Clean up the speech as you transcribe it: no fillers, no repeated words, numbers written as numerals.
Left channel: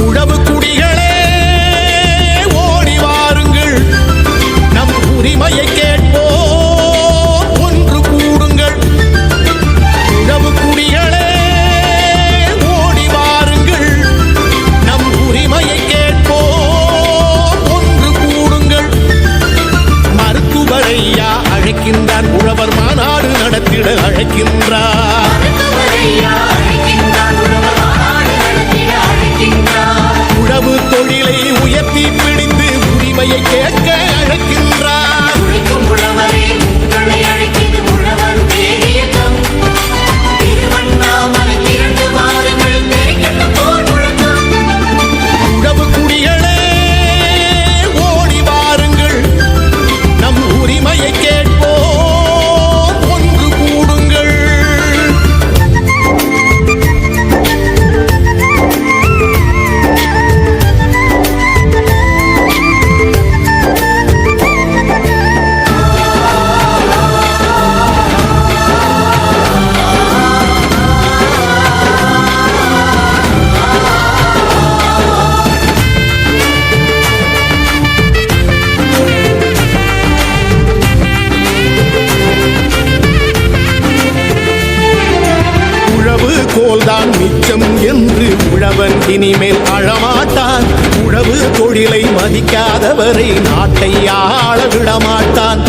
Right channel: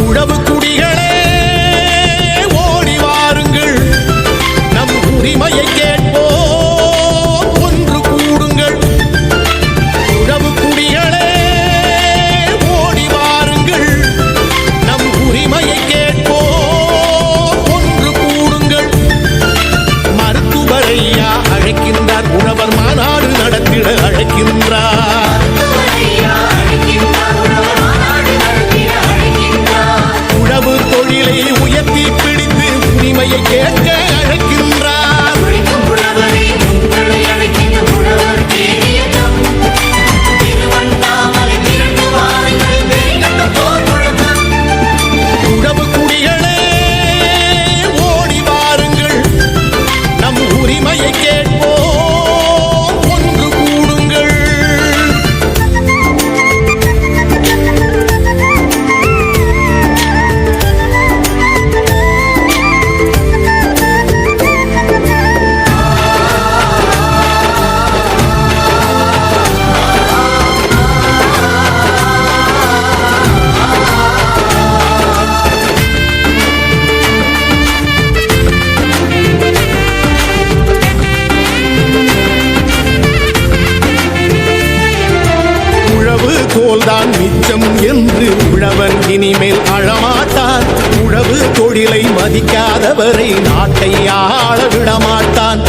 உழவு குடிகளே ஓடி வாருங்கள், நம் உரிமையை கேட்போம், ஒன்று கூடுங்கள். உழவு குடிகளே ஓடி வாருங்கள், நம் உரிமையை கேட்போம், ஒன்று கூடுங்கள். மருத்துவரையா அழைக்கின்றார், உழவர் மாநாடு நடத்திட அழைக்கின்றார். உழவு தொழிலை உயர்த்தி பிடித்து உரிமையை கேட்க அழைக்கின்றார். உழவு குடிகளே ஓடி வாருங்கள், நம் உரிமையை கேட்போம், ஒன்று கூடுங்கள். உழவு கோல்தான் மிச்சம் என்று உழவன் இனிமேல் அழமாட்டான். உழவு தொழிலை மதிக்காதவரை நாட்டை ஆள விடமாட்டான்.